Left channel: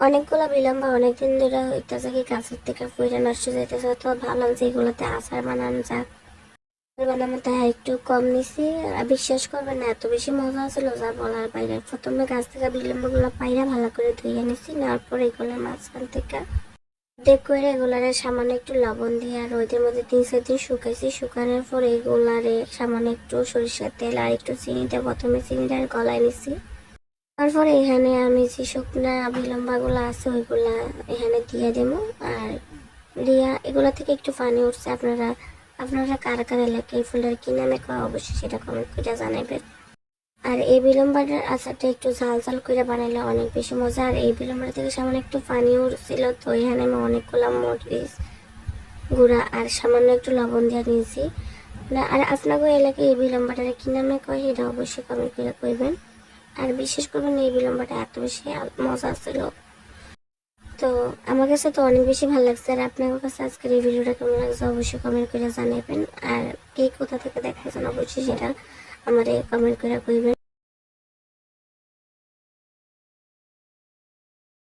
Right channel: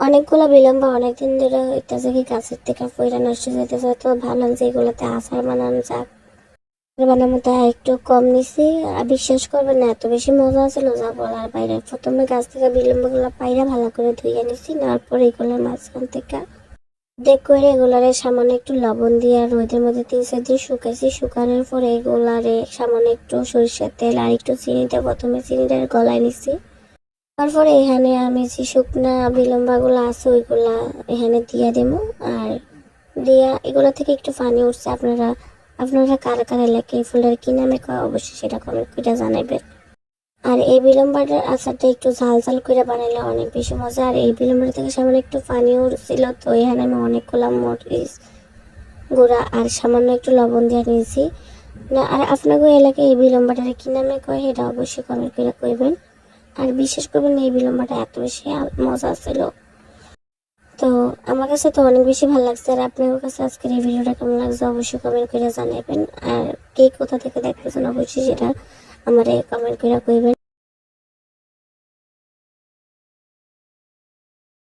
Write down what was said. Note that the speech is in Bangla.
অনেকগুলো বিলম্ব অনেকদিন ধরে হইতেছে কি গাছের থেকে পইরা নষ্ট হয়ে যাইতেছে, তো ভাবলাম যে এগুলোতে আচার বানানো যাক। আচার বানানো তাই একটু কম নিছি। আর বিশ্বাস করবেন না, এত বেশি মজা ছিল যা বলার বাইরে। প্রথমে গাছ থেকে বিলম্বগুলো পাইরা ভালো করে ধুইয়া নিছি, নেওয়ার পর এগুলোর মাঝখান থেকে দেখ করে এগুলারে সামান্য একটু লবণ দিয়ে আর রোদের মধ্যে 3-4 দিন শুকাইছি। শুকানোর পর এগুলারে সামান্য একটু সরিষার তেল আর একটু চিনি দিয়ে প্রথমে চিনিটা গলায় নিছি। তারপরে এখানে আমি যে শুকনা বিলম্বাগুলো আছে ওইগুলা এখানে দিয়া দেবো। আর দিয়া এগুলা থেকে একটু পানি উঠছে। আপনারা আপনারা কারা কারা এলাকায় এই ফুলটার কি নামে কয় অবশ্যই সেটা কমেন্ট করে জানাবেন। আর এই বিলম্বাটার আচারটা একটু ঝাল ঝাল করে বানাইলে অনেক বেশি মজা। আর এই বিলম্বার থেকে সামান্য একটু পানি উঠছিল, তো এখানে আমি অনেকগুলো মরিচ গুঁড়া আর সামান্য একটু লবণ দিয়ে নিয়েছি না। আর আপনাদের এলাকায় এই বিলম্বাটার কি নামে কয় এটা অবশ্যই কমেন্ট করে কইবেন। আর বিশেষ করবেন এই বিলম্বটা এত বেশি মজা ছিল, তো আমার কাছে তো অনেক বেশি ভালো লাগছে। আর আপনার কাছে আজকের এই ভিডিওটা কেমন লাগছে অবশ্যই কমেন্ট করে জানাবেন। আর কে কোথা থেকে দেখতেছেন অবশ্যই সেটা আমারে কমেন্ট করে কইবেন।